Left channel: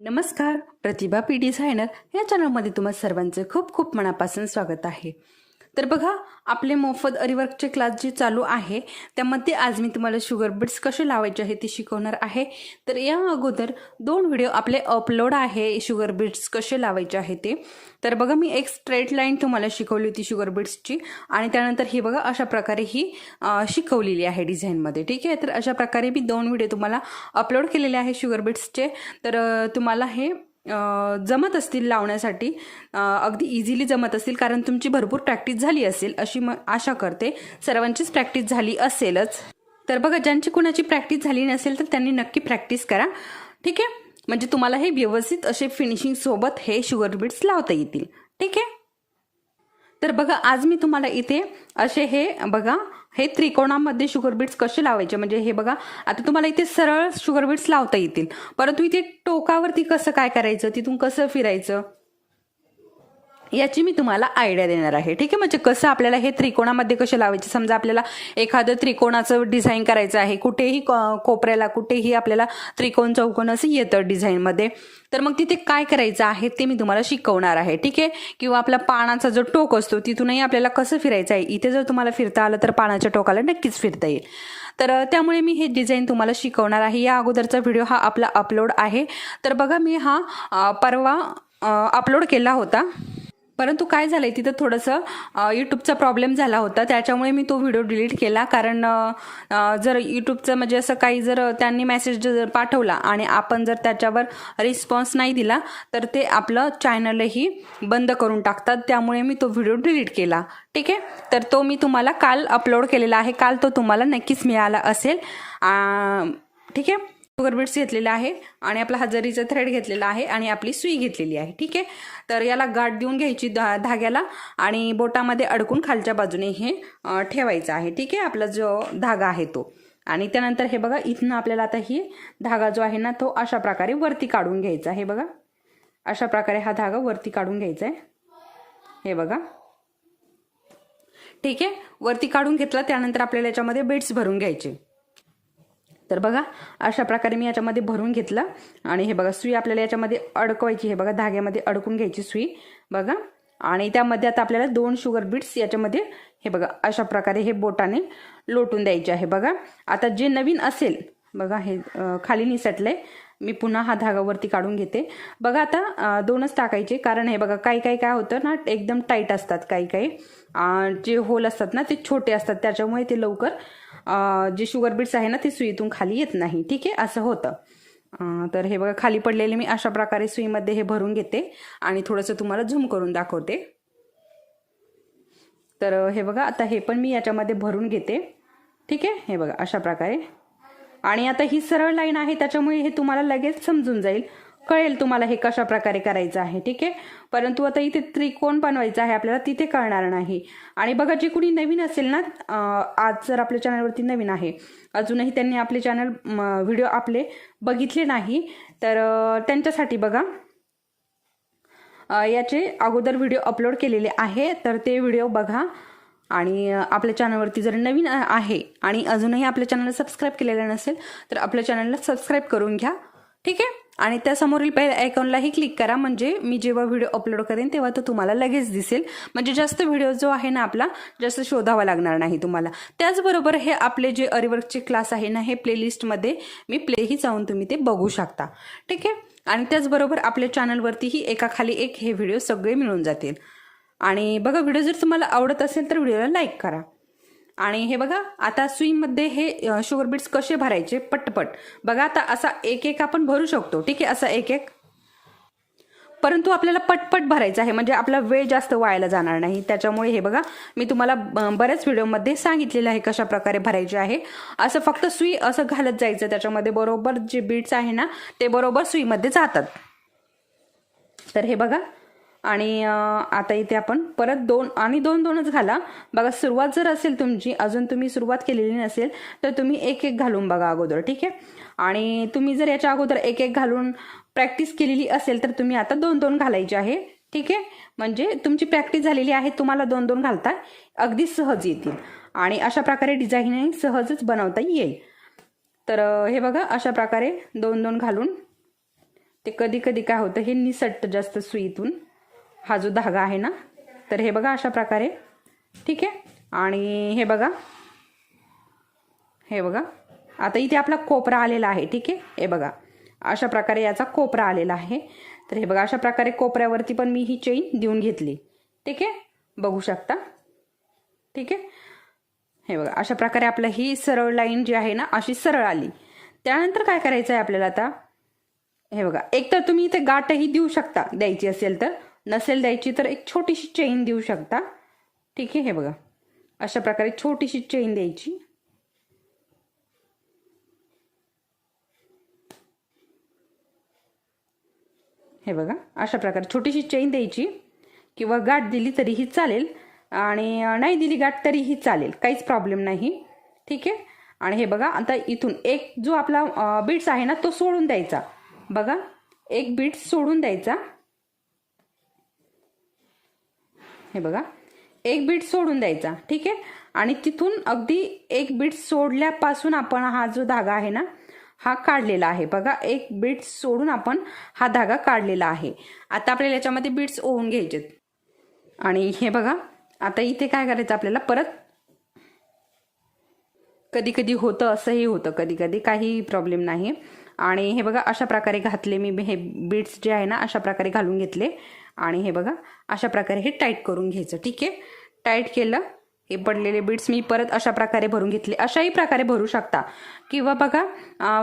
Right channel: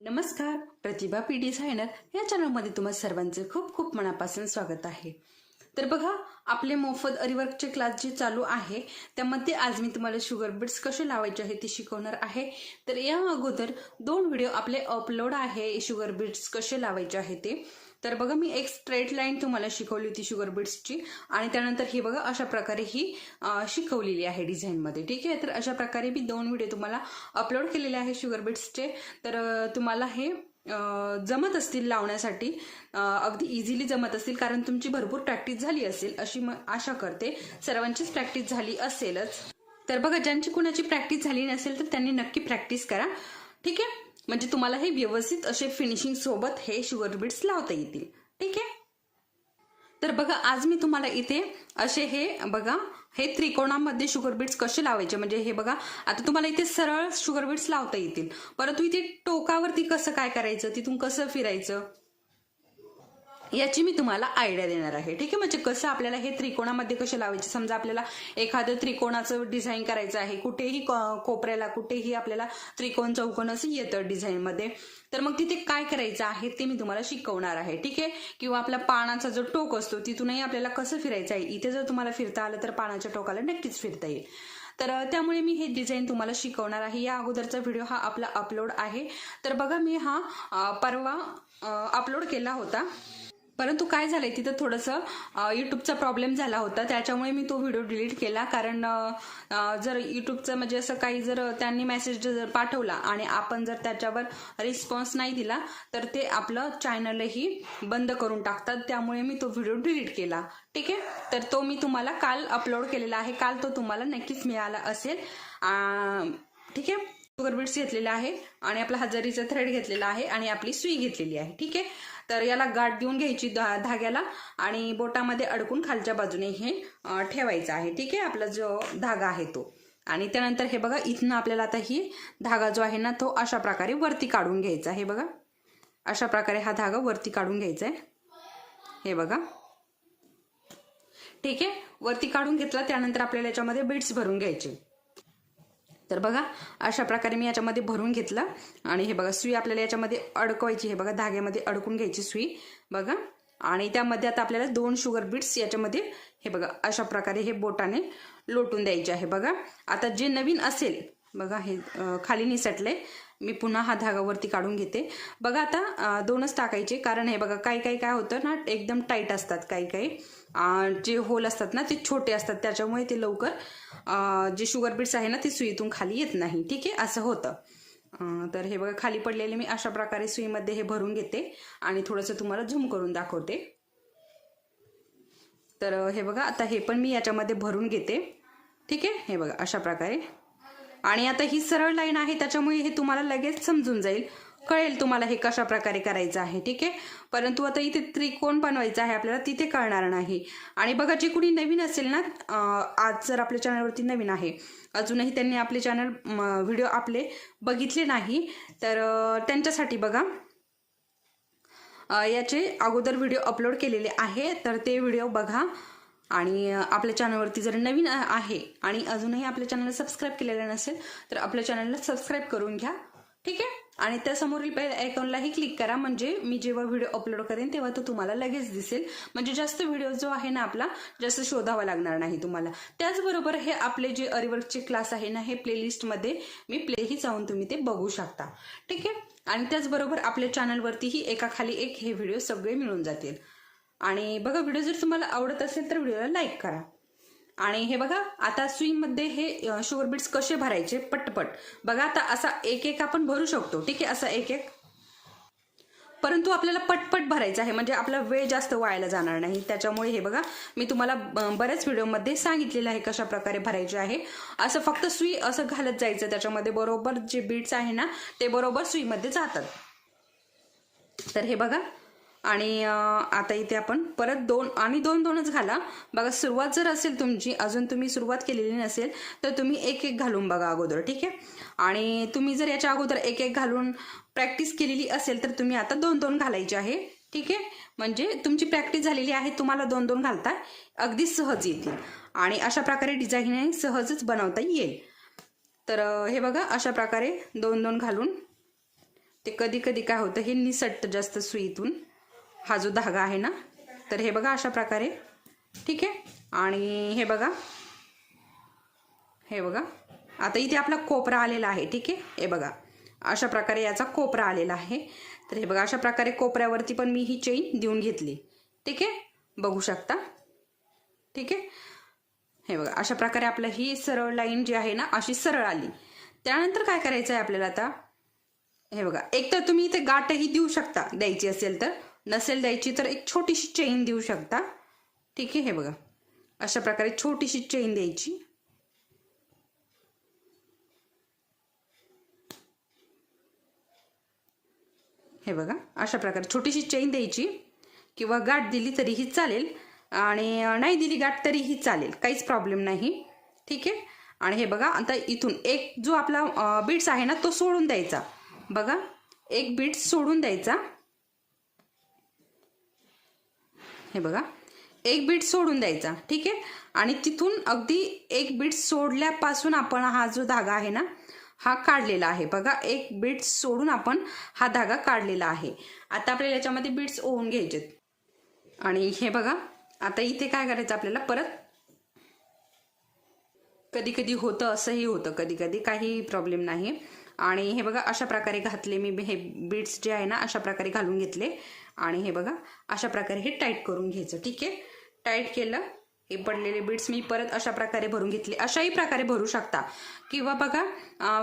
नमस्कार, प्रतिभा P designer या चॅनलमध्ये तुम्हा सर्वांचे खूप खूप मनापासून स्वागत आहे। तर बघा, आपले मोफत अरीवर्कचे क्लास जे चालू आहे त्यामध्ये आज मी तुम्हाला शुगर बीड्स कसे लावायचे आहे ते शिकवणार आहे। तर या अगोदर 2 व्हिडिओ आपले अपलोड आहे शुगर बीड्स कसे लावायचे आहे ते। तर बघा, मी एक स्ट्रेट लाईन तुम्हाला शिकवली होती शुगर बीड्सची आणि त्यानंतर ही बघा अशा प्रकारे ही शिकवलेली आहे डिझाईनमध्ये। ठीक आहे, तर अशा प्रकारे मी 2 व्हिडिओ तुम्हाला अपलोड केलेले आहे शुगर बीड्सचे। तर तुम्हाला हे जमत असतील लावण्यासाठी, अगदी इझिली जमत असतील कारण तुमची भरपूर प्रॅक्टिस झाली असेल अशी आशा करते। सर्वांचीच प्रॅक्टिस झाली असेलच। तर बघा, ज्यांची कुणाची प्रॅक्टिस झाली नसेल तर त्यांनी नक्की प्रॅक्टिस करा। ठीक आहे, म्हणजे तुम्हाला हे व्यवस्थित असे फिनिशिंग सोबत हे शुगर बीड्स लावता येतील। ठीक आहे, तर बघा आज मी तुम्हाला इथे असे हे बघा हे त्रिकोणामध्ये शुगर बीड्स कसे लावायचे, म्हणजे हे बघा आता तुम्हाला इथे सरळ शुगर बीड्स लावता येतील, परंतु इथे टोकावरती कसं काय करायचं, तिथून कसं फिरायचं याची मी तुम्हाला आयडिया देणार आहे। ठीक आहे, म्हणजे कसं आपल्याला हे त्रिकोणामध्ये कसे लावायचे। समजा आपल्याला एखादं त्रिकोणाचं डिझाईन करायचं आहे, कुठेही कोपऱ्याला कुठेही आपल्याला त्रिकोण चौकोन असं येतं डिझाईनमध्ये, तर मग तिथे काय करायचं आहे ते मी तुम्हाला शिकवणार आहे। ठीक आहे, किंवा आपला पानाचा जो टोक असतो तिथूनही आपल्याला कसं फिरायचं आहे। इथे जर तुम्हाला फिरता आलं तर पानाच्या टोकाला नक्कीच फिरता येईल। तर त्यामुळे मी हे डिझाईन तुम्हाला शिकवणार आहे। या अगोदरचा व्हिडिओ हा आपला अपलोड आहे। तर बघा, मी हा परवा अपलोड केला होता, परंतु काय झालंय तिथं थोडंसं यूट्यूबचा प्रॉब्लेम झाला होता, त्याच्यामुळे मी तो व्हिडिओ डिलीट केला। कारण जर यूट्यूबचं म्हणजे असं काही जर त्यांनी मेसेज जर पाठवला आणि आपण जर त्याच्यावर रिस्पॉन्स नाही दिला तर ते आपलं चॅनलही बंद करून टाकतात, त्यामुळे मी तो व्हिडिओ डिलीट केला। ठीक आहे, तर तो मी तुम्हाला काल अपलोड केलेला आहे, काल तो तुम्हाला नक्कीच मिळाला असेल। ठीक आहे, शुगर बीड्स घेतलेला आहे आणि आपला हजारीचा थ्रेड घेतलेला आहे आणि आपली सुई घेतलेली आहे। ठीक आहे, तर याला गाठ देऊन घ्यायची धाग्याला आणि बोटामध्ये अडकून खालच्या बाजूने हे ठेवायचं आहे। ठीक आहे, आपला जो धागा आहे तो, आणि त्यानंतर हे बघा इथनं आपल्याला आता ही धागा जो आहे ना तो अशा प्रकारे वरती काढून घ्यायचा आहे। बघा अशा प्रकारे हा धागा वरती काढून घ्यायचा आहे, हे बघा। ठीक आहे, वरती काढून घेतला त्यानंतर आपल्याला याच्यामध्ये बीड्स भरून घ्यायचे। तर बघा अशा प्रकारे मी याच्यामध्ये भरून घेतलं आणि हे बघा सुई आपल्याला याच्यामध्ये अडकवायची, हे बघा धाग्यामध्ये अडकून घ्यायची सुई बघा। आणि त्यामध्ये आता आपल्याला 2 शुगर बीड्स याच्यामध्ये हे बघा अशा प्रकारे हे बोटाने लोटून द्यायचे आहे। बघा आता जे नवीन असेल बघा हे खाली निसटले, मी पुन्हा हा धागा वरती काढून घेते। बघा आता 2च टाकायचे, कारण हे बघा काही काही काय होतं ना एकदम टाईट असतात, काही काही जे होल असतात ना ते छोटे असतात, त्याच्यामुळे ते लवकर जे शुगर बीड्स आहे ना ते सुईतून खाली येत नाही। ठीक आहे, असं होतं। तर हे बघा खाली पडलेले मी अशा प्रकारे सुईमध्ये हे भरून घेते आणि थोडंसं तुम्हाला झूम करून दाखवते। तर हे बघा आता हे पण मी याच्यामध्ये भरून घेते। ठीक आहे, हे बघा अशा प्रकारे, आणि आता ही सरळ लाईन आहे त्याच्यामुळे हे तुम्हाला लगेच समजून जाईल, कळेल तुम्हाला हे कशा प्रकारे करायचं आहे। ठीक आहे, परंतु आता इथे त्रिकोण बनवायचा आहे आपल्याला, तिथे कळणार नाही। आणि बघा जे कुणी नवीन असेल ना, आज जर आपल्या चॅनलवरती नवीन आहे, अजूनही त्यांनी आपले चॅनल व्हिडिओ आपले बघितले नाही, तर त्यांच्यासाठी बघा याचे अगोदर व्हिडिओ अपलोड केलेले आहे, तर ते व्हिडिओ बघा। आणि आपल्या चॅनलवरती जर नवीन आहे आणि अजूनही आपल्या चॅनलला सबस्क्राईब केलेलं नसेल तर आपल्या चॅनलला सबस्क्राईब करून घ्या। ठीक आहे, आणि त्या समोरील बेल आयकॉनलाही क्लिक करा, म्हणजे मी जेव्हा व्हिडिओ अपलोड करेन तेव्हा तो तुम्हाला लगेच दिसेल, म्हणजे जास्त व्हिडिओ जो आहे ना आपला जास्त शोधावा लागणार नाही तुम्हाला। त्याचबरोबर हे आपले जे अरीवर्कचे क्लास आहे ना हे प्लेलिस्टमध्ये मी प्लेही जाऊन तुम्ही ते बघू शकता। ठीक आहे, आणि त्याचबरोबर आपल्या चॅनलवरतीही एकाखाली एक हे व्हिडिओ सगळे मिळून जातील। आणि बघा व्हिडिओ जर तुम्हाला आवडत असेल तर व्हिडिओला लाईक करा। आणि हे बघा आता सुईमध्ये हे शुगर बीड्स कसे भरायचे पटपट बघा। आता असा एक एक आपण भरू शकतो, ठीक आहे, असा एक एक, परंतु आपल्याला पटपट भरायचं आहे, म्हणजे आपला वेळ जास्त वायाला जाणार नाही। त्याच्यामुळे हे बघा मी तुम्हाला बऱ्याच व्हिडिओमध्ये सांगितलेलं आहे कशा प्रकारे भरायचे आहे। असं फक्त सुई असं घालत जायचं, त्याच्यामध्ये बरोबर जे बीड्स आहे ना ते बरोबर सुईमध्ये जातात। तर हे बघा, आणि आता इथे आपण परत 2 आणि 2 घाला बघा। सुरुवात जर असेल तुमची, अजून तुम्ही सुरुवात केलेली नसेल तर तुम्ही एक एक घालून बघा अगोदर। ठीक आहे, आणि तुम्ही जर याच्या अगोदर एक एक घालून प्रॅक्टिस केलेली असेल तर तुम्ही आता 2 घालायचे आहे। ठीक आहे, म्हणजे तुमची प्रॅक्टिस झालेली आहे, तुम्हाला 2 घालता अगदी सहज येतील आणि अशा प्रकारे डिझाईन सहजच बनवता येईल। तर हे बघा अशा प्रकारे 2 घालून ते कधी कधी काय होतं, हे निसटतं जास्त सुईतून, हा जो धागा आहे ना. तर हे बघा अशा प्रकारे. ठीक आहे. आणि हे बघा, हे बघा आता इथे आपला कोपरा आलेला आहे. ठीक आहे. हे बघा अशा प्रकारे याचा कोपरा आलेला आहे. तर हे बघा अशा प्रकारे कोपऱ्यावरती पण मी ही चेन देऊन घेतली. ठीक आहे, बघू शकता. ठीक आहे. हे बघा अशा प्रकारे आपलं ही सरळ लाईन जी आहे ना अशी सरळ आली. त्यानंतर काय करायचं आहे आपल्याला आता, हे बघा एक तर तुम्ही इथे गाठही देऊ शकता, द्यायची असेल तर. नसेल द्यायची तर एक छोटीशी चेन देऊ शकता. ठीक आहे. हे बघा अशा प्रकारे छोटीशी चेन द्यायची. हे बघा अशा प्रकारे छोटीशी चेन द्यायची, किंवा गाठ दिली तरीही चालेल आणि नाही दिली गाठ तरीही चालेल, काहीच प्रॉब्लेम नाही. ठीक आहे. आणि हे बघा आता इथून एक जो आपला बीट्स आहे ना तो सोडून द्यायचा. बघा एक बीट सोडून द्यायचा. हे बघा एक बीट सोडून द्यायचा. ठीक आहे. आणि तिथून अगदी एक बीट सोडल्यापासून आपण हा जो धागा आहे ना हा काढलेला आहे. बघा एक बीट सोडून आपण हा धागा काढलेला आहे. आता आपल्याला याच्यामध्ये बीट्स ओवून घ्यायचे. आणि हे बघा आता इथे काय करायचं आपल्याला, परत कधी कधी होतं असंही होतं, कधी कधी काही प्रॉब्लेम नाही. आणि हे बघा अशा प्रकारे घातले मी, हे बीट्स जे आहे ना अशा प्रकारे घालून घेतले. आणि हे बघा अशा प्रकारे हे टाईट करून घ्यायचं. ठीक आहे. टाईट केलं. हे पडलेले बीट्स मी परत अशा प्रकारे भरून घेतले. अशाही प्रकारे भरू शकता, किंवा बघा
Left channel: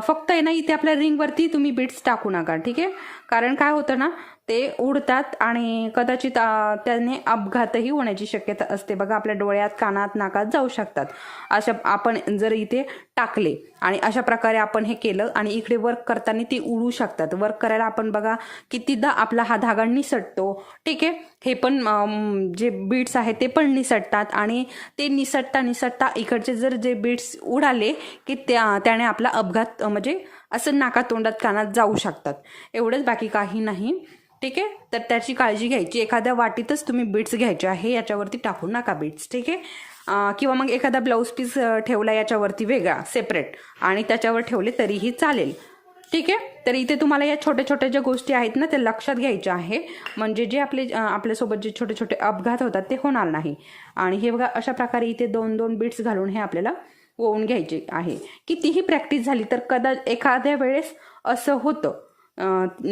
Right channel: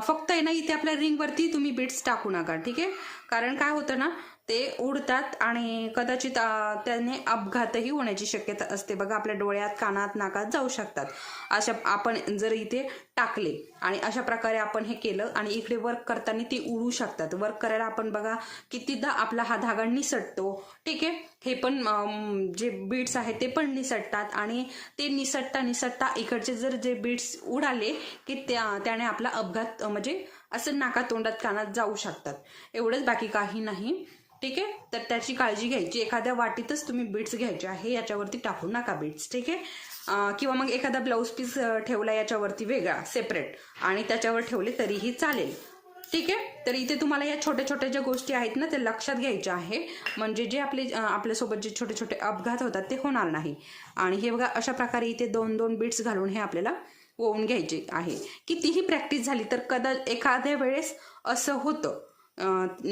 फक्त आहे ना इथे आपल्या रिंगवरती तुम्ही बीट्स टाकू नका. ठीक आहे. कारण काय होतं ना, ते उडतात आणि कदाचित त्याने अपघातही होण्याची शक्यता असते. बघा आपल्या डोळ्यात, कानात, नाकात जाऊ शकतात. अशा आपण जर इथे टाकले आणि अशा प्रकारे आपण हे केलं आणि इकडे वर्क करताना ते उडू शकतात. वर्क करायला आपण बघा कितीदा आपला हा धागा निसटतो. ठीक आहे. हे पण जे बीट्स आहेत ते पण निसटतात आणि ते निसटता इकडचे जर जे बीट्स उडाले की त्याने आपला अपघात म्हणजे असं नाका तोंडात कानात जाऊ शकतात. एवढंच, बाकी काही नाही. ठीक आहे. तर त्याची काळजी घ्यायची. एखाद्या वाटीतच तुम्ही बीट्स घ्यायचे आहे, याच्यावरती टाकू नका बीट्स. ठीक आहे. किंवा मग एखादा ब्लाऊज पीस ठेवला याच्यावरती वेगळा सेपरेट आणि त्याच्यावर ठेवले तरीही चालेल. ठीक आहे. तर इथे तुम्हाला या छोट्या छोट्या ज्या गोष्टी आहेत ना ते लक्षात घ्यायच्या आहे, म्हणजे जे आपल्यासोबत जे छोटे छोटे अपघात होतात ते होणार नाही. आणि हे बघा अशा प्रकारे इथे 2-2 बीट्स घालून हे आपल्याला ओवून घ्यायचे आहे. कितीही प्रॅक्टिस झाली तर एखाद्या वेळेस असं होतं,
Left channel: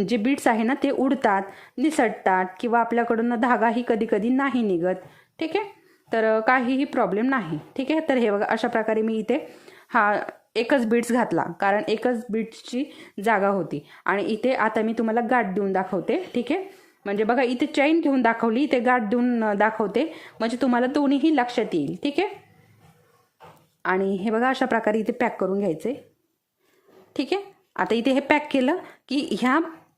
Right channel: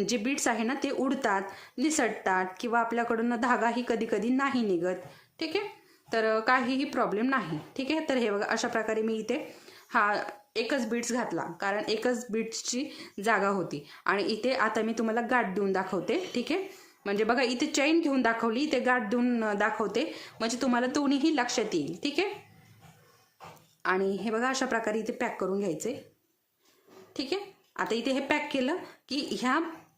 जे बीट्स आहे ना ते उडतात, निसटतात, किंवा आपल्याकडून धागाही कधी कधी नाही निघत. ठीक आहे. तर काहीही प्रॉब्लेम नाही. ठीक आहे. तर हे बघा अशा प्रकारे मी इथे हा एकच बीट्स घातला, कारण एकच बीट्सची जागा होती. आणि इथे आता मी तुम्हाला गाठ देऊन दाखवते. ठीक आहे. म्हणजे बघा इथे चैन घेऊन दाखवली, इथे गाठ देऊन दाखवते, म्हणजे तुम्हाला दोन्हीही लक्षात येईल. ठीक आहे. आणि हे बघा अशा प्रकारे इथे पॅक करून घ्यायचे. ठीक आहे. आता इथे हे पॅक केलं की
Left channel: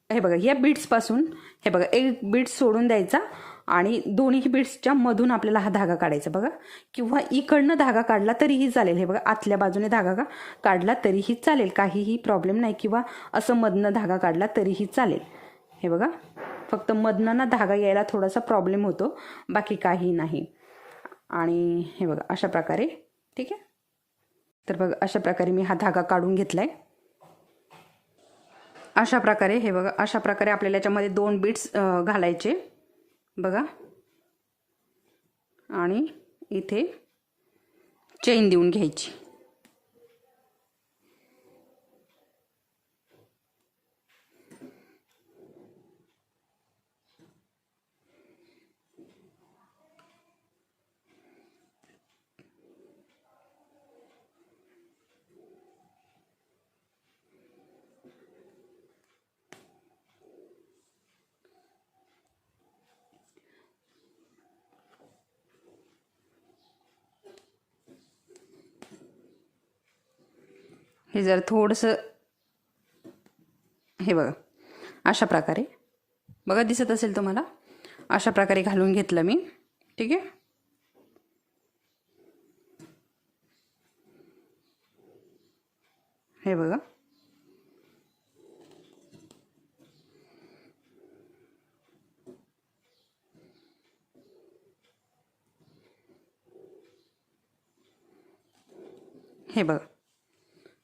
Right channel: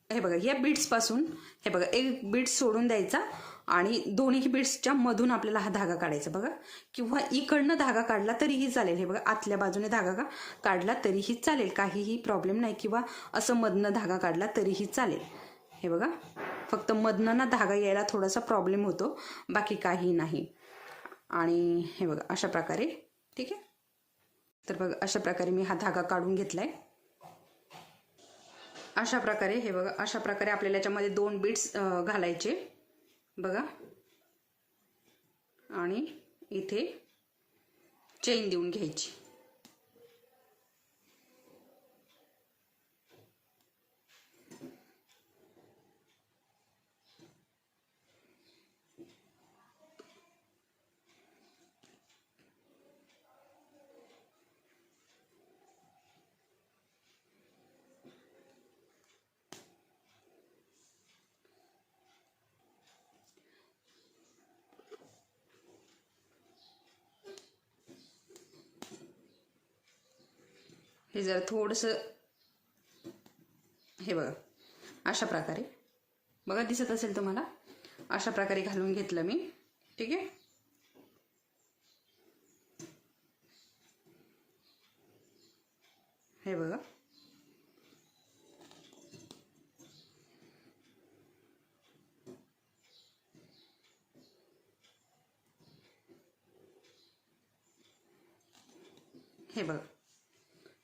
हे बघा ह्या बीट्सपासून हे बघा एक बीट्स सोडून द्यायचा आणि दोन्ही बीट्सच्या मधून आपल्याला हा धागा काढायचा. बघा, किंवा इकडनं धागा काढला तरीही चालेल. हे बघा आतल्या बाजूने धागा काढला तरीही चालेल, काहीही प्रॉब्लेम नाही. किंवा असं मधनं धागा काढला तरीही चालेल. हे बघा फक्त मधनं ना धागा यायला थोडासा प्रॉब्लेम होतो, बाकी काही नाही. आणि हे बघा अशा प्रकारे. ठीक आहे. तर बघा अशा प्रकारे मी हा धागा काढून घेतलाय. अशा प्रकारे हे बघा अशा प्रकारे आपल्याला याच्यामध्ये 2 बीट्स घालायचे. बघा आणि इथे चेन देऊन घ्यायची. हे जर थोडंसं हे बघा अशा प्रकारे, बघा दिसत असेल तुम्हाला, अशा प्रकारे घालून घेतलं मी. ठीक आहे. हे बघा हे बघा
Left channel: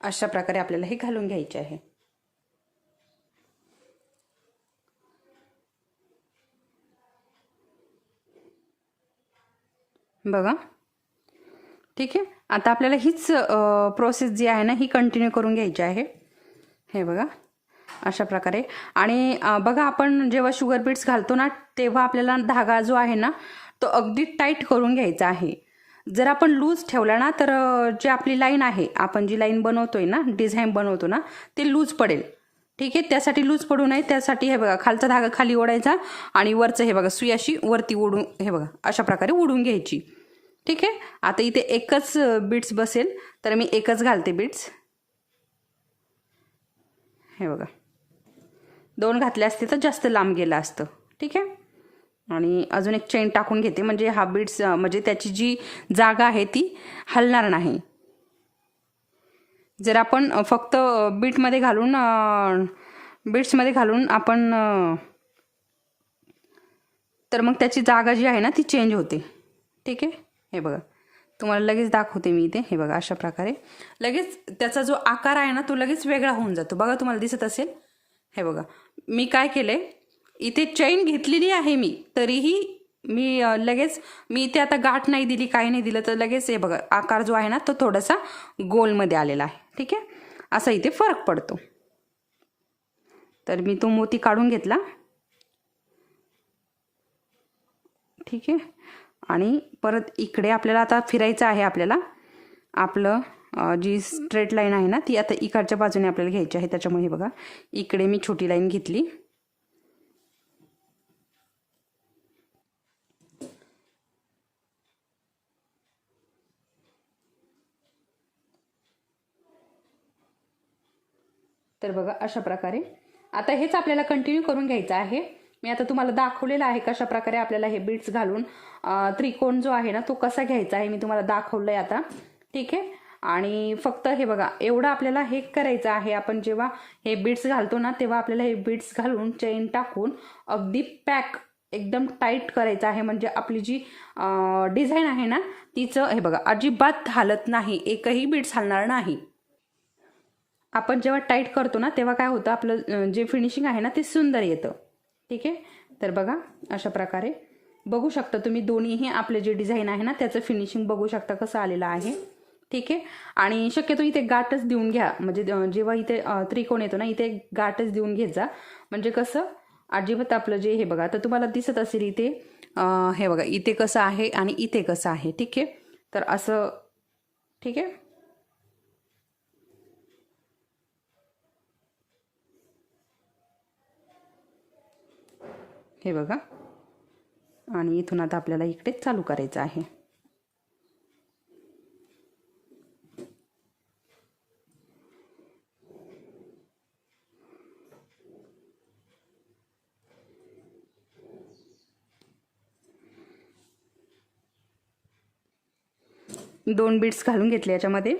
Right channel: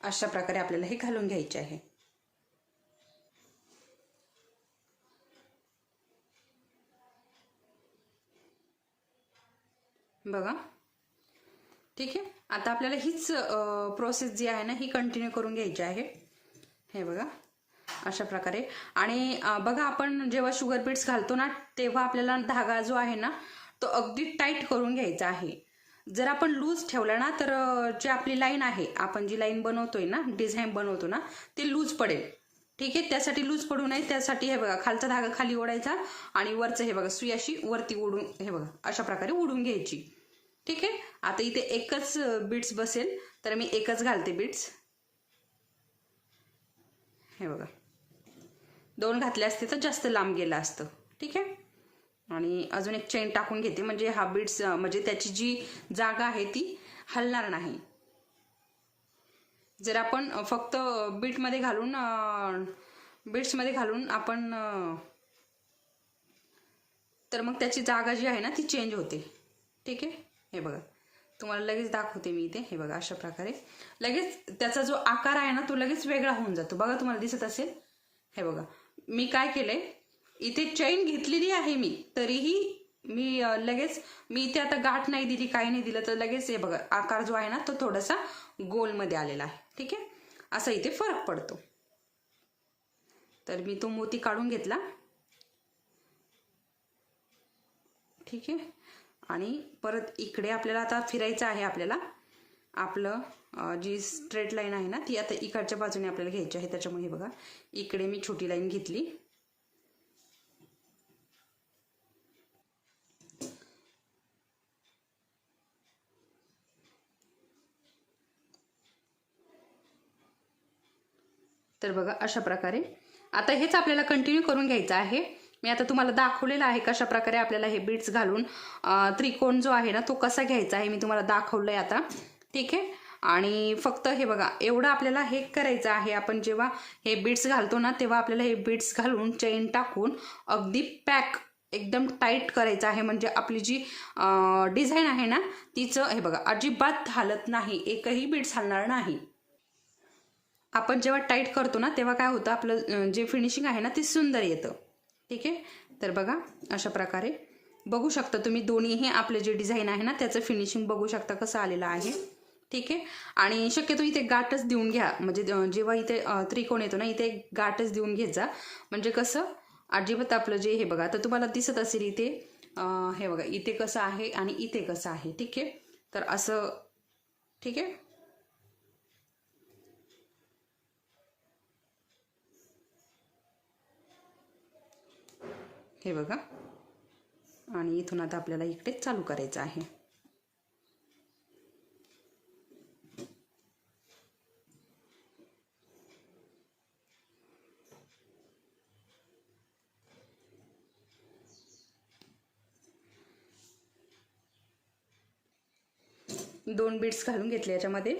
अशा प्रकारे आपल्याला हे घालून घ्यायचे आहे. बघा, ठीक आहे. आता आपल्याला हीच प्रोसेस जी आहे ना ही कंटिन्यू करून घ्यायची आहे. हे बघा अशा प्रकारे. आणि बघा आपण जेव्हा शुगर बीट्स घालतो ना तेव्हा आपल्याला धागा जो आहे ना तो अगदी टाईट करून घ्यायचा आहे. जर आपण लूज ठेवला ना तर जी आपली लाईन आहे, आपण जी लाईन बनवतोय ना, डिझाईन बनवतो ना, ते लूज पडेल. ठीक आहे, त्यासाठी लूज पडू नये त्यासाठी हे बघा खालचा धागा खाली ओढायचा आणि वरचं हे बघा सुई अशी वरती ओढून हे बघा अशा प्रकारे ओढून घ्यायची. ठीक आहे. आता इथे एकच बीट्स बसेल तर मी एकच घालते बीट्स. हे बघा, 2 घातले असते तर जास्त लांब गेलं असतं. ठीक आहे. आणि अजून एक चेन टाकून घेते म्हणजे हा बीट्स म्हणजे त्याची जी जागा आहे ती हलणार नाही. जर आपण फक्त बीट्समध्ये घालून आपण तर मग त्याची जागा जी आहे ना ती चेंज होते. ठीक आहे. हे बघा तुम्हाला लगेच दाखवते मी इथे. हे बघा अशा प्रकारे लगेच त्याचा जो आकार आहे ना तो लगेच वेगळा होऊन जातो. बघा तुम्हाला दिसत असेल. हे बघा मी काय केलंय, इथे चेन घेतलेली आहे मी, तरीही मी इथे आता गाठ नाही दिली, काही नाही दिलं, तर लगेच हे बघा आकार जो आहे ना तो थोडासा गोलमध्ये आलेला आहे. ठीक आहे, असा इथे फरक पडतो. तर मी तो मोती काढून घेतला. ठीक आहे. आणि परत इकडे आपल्याला आता फिरायचं आहे. आपल्याला आपलं जी स्ट्रेट लाईन आहे ना ती आता इकडच्या बाजूने आपल्याला घ्यायची आहे. त्याच्यामुळे बघा इकडे मी छोटी लाईन घेतली. तर बघा अशा प्रकारे आता हेच आपल्याला कंटिन्यू करून घ्यायचं आहे. मी आता तुम्हाला दाखवलेलं आहे कशा प्रकारे आपल्याला हे बीट्स घालून त्रिकोण जो आहे ना तो कसा घ्यायचा आहे मी तुम्हाला दाखवलंय आता. ठीक आहे. आणि फक्त हे बघा एवढं आपल्याला हे करायचं आहे. आपण जेव्हा हे बीट्स घालतो ना तेव्हा आपल्याला हे बीट्स घालून चेन टाकून अगदी पॅक एकदम टाईट करायचं आहे. म्हणजे आपली जी डिझाईन आहे ना तिचं हे बघा अजिबात हालत नाही, एकही बीट्स हलणार नाही. आपण जेव्हा टाईट करतो ना तेव्हा काय होतं आपलं जे फिनिशिंग आहे ना ते सुंदर येतं. ठीक आहे. तर बघा अशा प्रकारे बघू शकता तुम्ही दोन्हीही आपले जे डिझाईन आहे ना त्याचं फिनिशिंग बघू शकता कसं आलेलं आहे. ठीक आहे. आणि शक्यतो इथे गाठच देऊन घ्या, म्हणजे जेव्हा इथे त्रिकोण येतो ना इथे गाठच देऊन घेत जा. म्हणजे कसं अजिबात आपलं जे हे बघा तर तुम्हाला दिसत असेल इथे हे बघा इथे कसं आहे आणि इथे कसं आहे. ठीक आहे. तर असं ठीक आहे. हे बघा आणि इथून आता आपल्याला इकडे चालू करायचं आहे. दोन बीट्स घालून घेतले याच्यामध्ये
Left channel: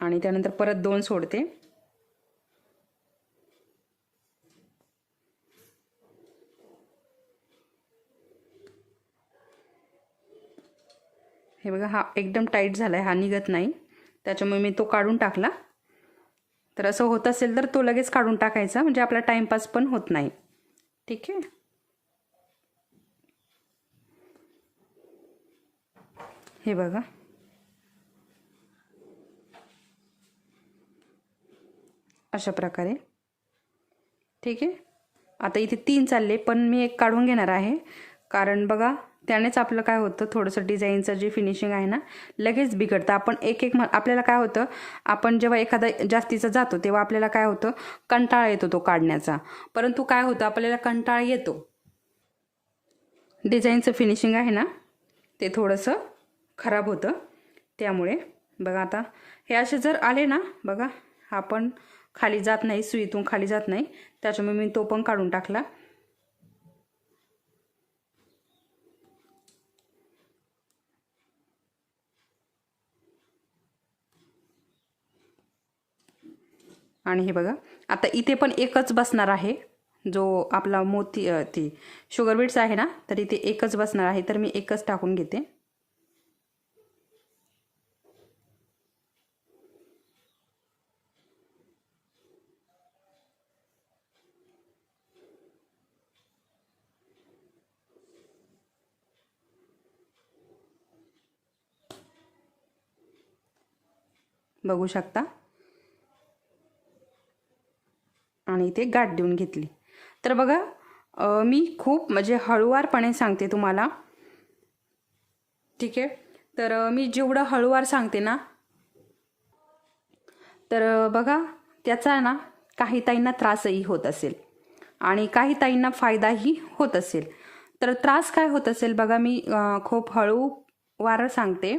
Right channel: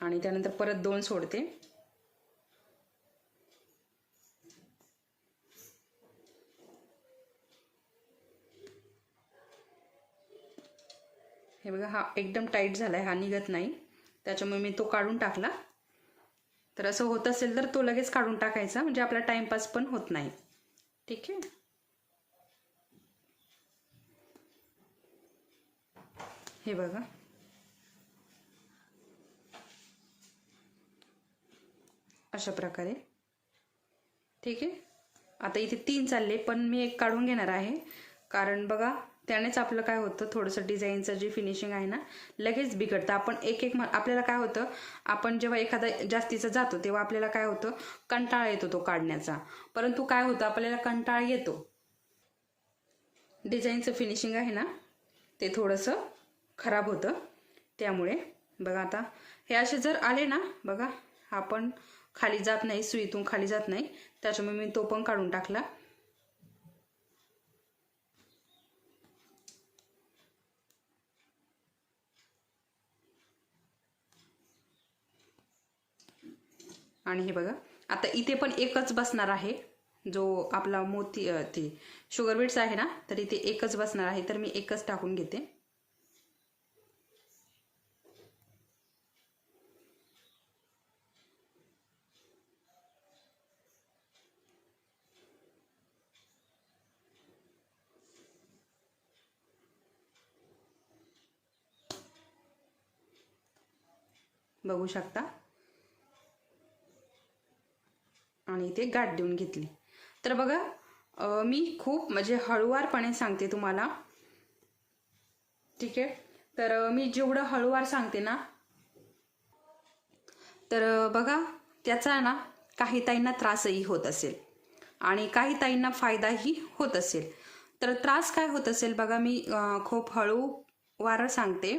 आणि त्यानंतर परत 2 सोडते. हे बघा हा एकदम टाईट झालाय, हा निघत नाही, त्याच्यामुळे मी तो काढून टाकला. तर असं होत असेल तर तो लगेच काढून टाकायचा म्हणजे आपला टाइमपास पण होत नाही. ठीक आहे. हे बघा अशा प्रकारे. ठीक आहे. आता इथे 3 चालले पण मी एक काढून घेणार आहे, कारण बघा त्यानेच आपलं काय होतं थोडंसं डिझाईनचं जे फिनिशिंग आहे ना लगेच बिघडतं. आपण एक एक आपल्याला काय होतं आपण जेव्हा एखादा जास्तीचा जातो तेव्हा आपल्याला काय होतं कंटाळा येतो तो काढण्याचा, परंतु काय होतं आपल्याला कंटाळा येतो. डिझाईनचं फिनिशिंग आहे ना ते थोडंसं खराब होतं. त्यामुळे बघा आता हे असे जर आले ना बघा हा पण खाली जात नाही, सुईतून खाली जात नाही, त्याच्यामुळे मी तो पण काढून टाकला. आणि हे बघा आता इथे पण एकच बसणार आहे, जो आपला मोती ती शुगर बीट्स आहे ना तर इथे एकच बसणार आहे, तर मी एकच टाकून घेते. बघू शकता, आणि इथे गाठ देऊन घेतली. तर बघा मी खूप म्हणजे हळूवारपणे सांगते तुम्हाला, ठीक आहे. तर मी जेवढं हळूवार सांगते ना, तर बघा त्याचा आहे ना काही ताईंना त्रासही होत असेल आणि काही ताईंना फायदाही होत असेल. तर त्रास काय होत असेल बघा, मी खूप हळूवार सांगते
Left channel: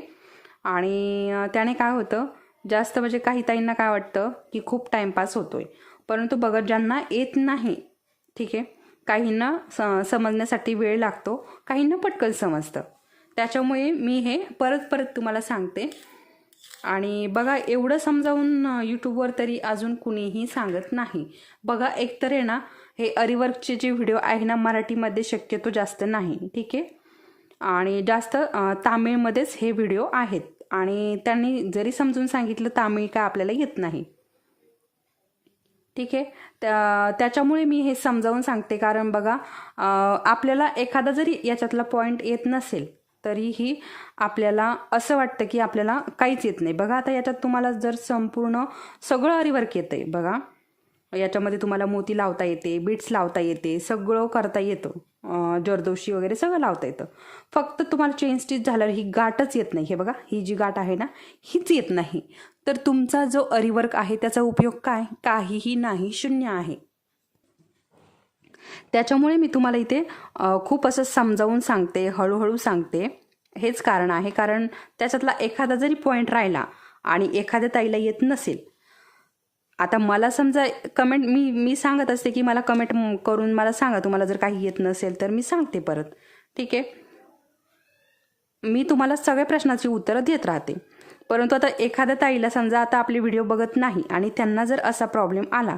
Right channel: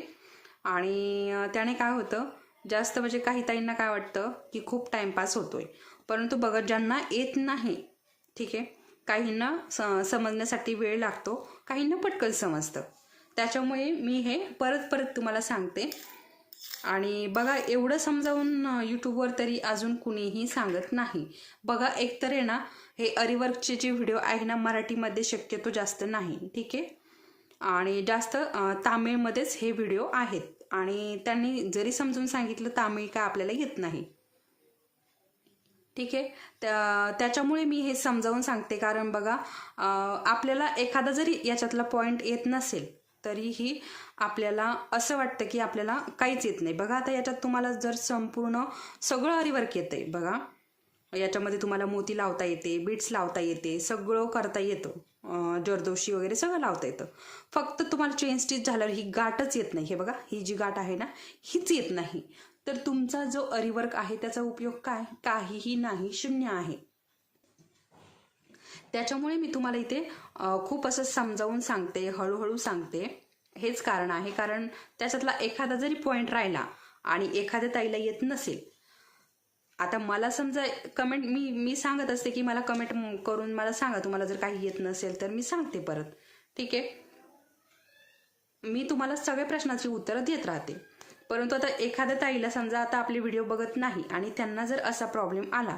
आणि त्याने काय होतं, जास्त म्हणजे काही ताईंना काय वाटतं की खूप टाईमपास होतोय, परंतु बघा ज्यांना येत नाही, ठीक आहे, काहींना समजण्यासाठी वेळ लागतो, काहींना पटकन समजतं. त्याच्यामुळे मी हे परत परत तुम्हाला सांगते. आणि बघा एवढं समजावून यूट्यूबवर तरी अजून कुणीही सांगत नाही. बघा एकतर आहे ना, हे अरिवर्कचे जे व्हिडिओ आहे ना मराठीमध्ये शक्यतो जास्त नाही, ठीक आहे, आणि जास्त तामिळमध्येच हे व्हिडिओ आहेत. आणि त्यांनी जरी समजून सांगितलं तामिळ काय आपल्याला येत नाही, ठीक आहे. त्याच्यामुळे मी हे समजावून सांगते. कारण बघा आपल्याला एखादा जरी याच्यातला पॉईंट येत नसेल तरीही आपल्याला असं वाटतं की आपल्याला काहीच येत नाही. बघा आता याच्यात तुम्हाला जर संपूर्ण सगळं अरिवर्क येतंय, बघा याच्यामध्ये तुम्हाला मोती लावता येते, बीट्स लावता येते, सगळं करता येतं, जरदोशी वगैरे सगळं लावता येतं. फक्त तुम्हाला चेन स्टिच झाल्यावर ही गाठच येत नाही. हे बघा ही जी गाठ आहे ना हीच येत नाही. तर तुमचा जो अरिवर्क आहे त्याचा उपयोग काय? काहीही नाही, शून्य आहे. त्याच्यामुळे मी तुम्हाला इथे खूप असं समजावून सांगते, हळूहळू सांगते. हेच कारण आहे. कारण त्याच्यातला एखादा जरी पॉईंट राहिला आणि एखाद्या ताईला येत नसेल, आता मला समजा कमेंट मी सांगत असते की मला कमेंट करून मला सांगा तुम्हाला जर काही येत नसेल, तर मी सांगते परत, ठीक आहे. मी तुम्हाला सगळ्या प्रश्नाची उत्तरं देत राहते. परंतु आता एखाद्या ताईला समजा आता आपले व्हिडिओ बघत नाही आणि त्यांना जर असा प्रॉब्लेम आला,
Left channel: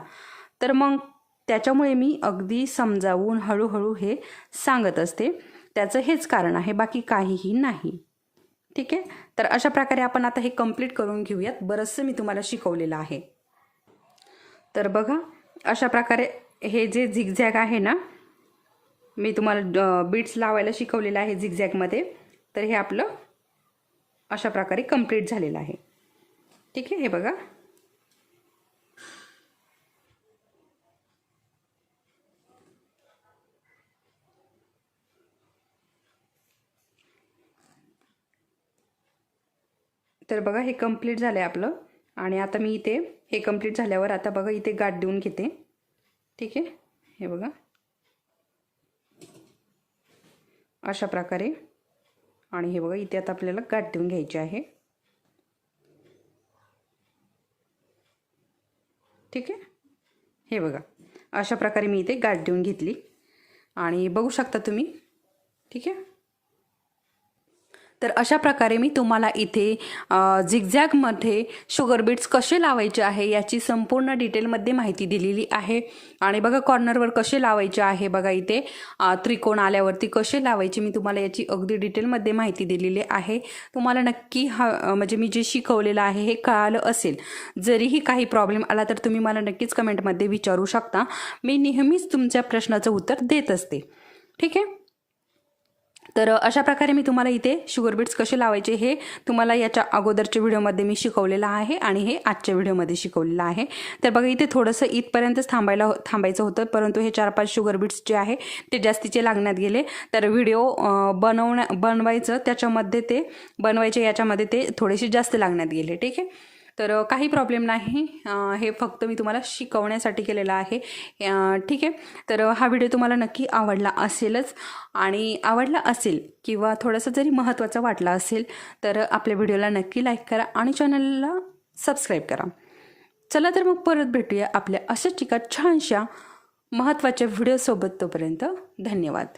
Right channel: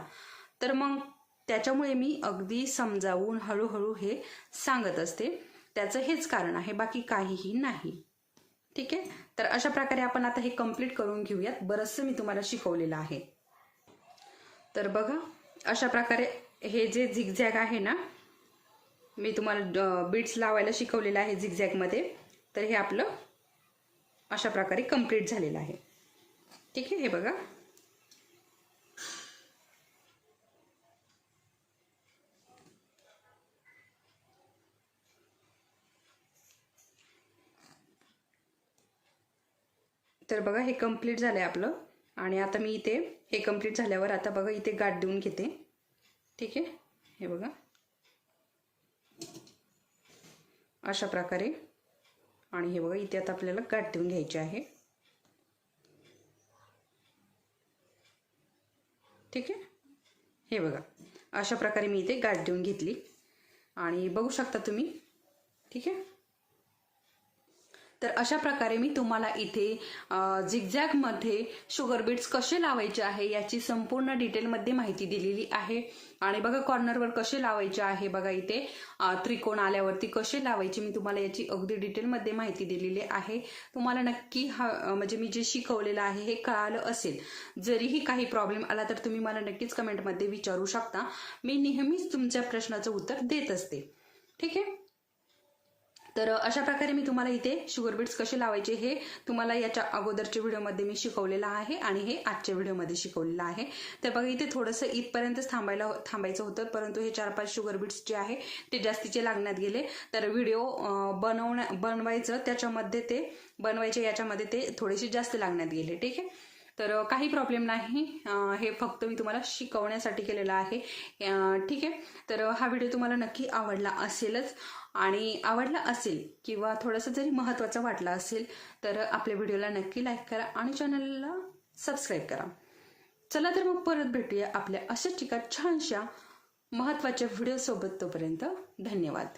तर मग त्याच्यामुळे मी अगदी समजावून हळूहळू हे सांगत असते. त्याचं हेच कारण आहे, बाकी काहीही नाही, ठीक आहे. तर अशा प्रकारे आपण आता हे कंप्लीट करून घेऊयात. बरंचसं मी तुम्हाला शिकवलेलं आहे. तर बघा अशा प्रकारे हे जे झिगझॅग आहे ना, मी तुम्हाला बीट्स लावायला शिकवलेलं आहे झिगझॅगमध्ये. तर हे आपलं अशा प्रकारे कंप्लीट झालेलं आहे, ठीक आहे. हे बघा तर बघा हे कंप्लीट झालं आहे आपलं. आणि आता मी इथे हे कंप्लीट झाल्यावर आता बघा इथे गाठ देऊन घेते, ठीक आहे. हे बघा अशा प्रकारे. आणि हे बघा इथे आता आपल्याला गाठ देऊन घ्यायची आहे, ठीक आहे. हे बघा अशा प्रकारे मी इथे गाठ देऊन घेतली आणि बघू शकता तुम्ही, ठीक आहे. तर अशा प्रकारे मी तुम्हाला इथे झिगझॅगमध्ये शुगर बीट्स कसे लावायचे आहे याची संपूर्ण डिटेलमध्ये माहिती दिलेली आहे. आणि बघा कॉर्नरवर कसे लावायचे आहे, बघा इथे त्रिकोण आल्यावरती कसे लावायचे मी तुम्हाला याची अगदी डिटेलमध्ये माहिती दिलेली आहे. तुम्हाला नक्की म्हणजे मी जे शिकवलेलं आहे हे कळालं असेल. जरीही काही प्रॉब्लेम आला तर तुम्ही मला नक्कीच कमेंटमध्ये विचारू शकता. मी नेहमीच तुमच्या प्रश्नाचं उत्तर देत असते, ठीक आहे. तर अशा प्रकारे मी तुम्हाला इथे शुगर बीट्स कसे लावायचे हे तुम्हाला याच्या अगोदरच्या व्हिडिओमध्ये मी शिकवलेलं आहे आणि हे आजच्या व्हिडिओमध्ये शिकवलेलं आहे. तर बघा इथे थोडंसं इथपर्यंतच थांबायचं होतं, परंतु हे 4-5 शुगर बीट्स जे आहे ते जास्तीचे लागण्यात गेले. तर व्हिडिओ बनवायचं त्याच्यामध्ये ते बनवायचे याच्यामध्ये ते थोडेसे जास्त लागण्यात गेले, ठीक आहे. तर काही प्रॉब्लेम नाही, हे फक्त मी तुम्हाला शिकवण्यासाठी केलेलं आहे, ठीक आहे. तर हा व्हिडिओ तुम्हाला नक्की आवडला असेलच. आणि आवडला असेल किंवा थोडंसं जरी महत्त्वाचं वाटलं असेल तर आपल्या व्हिडिओला नक्की लाईक करा आणि चॅनलला सबस्क्राईब करा. चला तर मग परत भेटूया आपल्या अशाच एका छानशा महत्त्वाच्या व्हिडिओसोबत. तोपर्यंत धन्यवाद.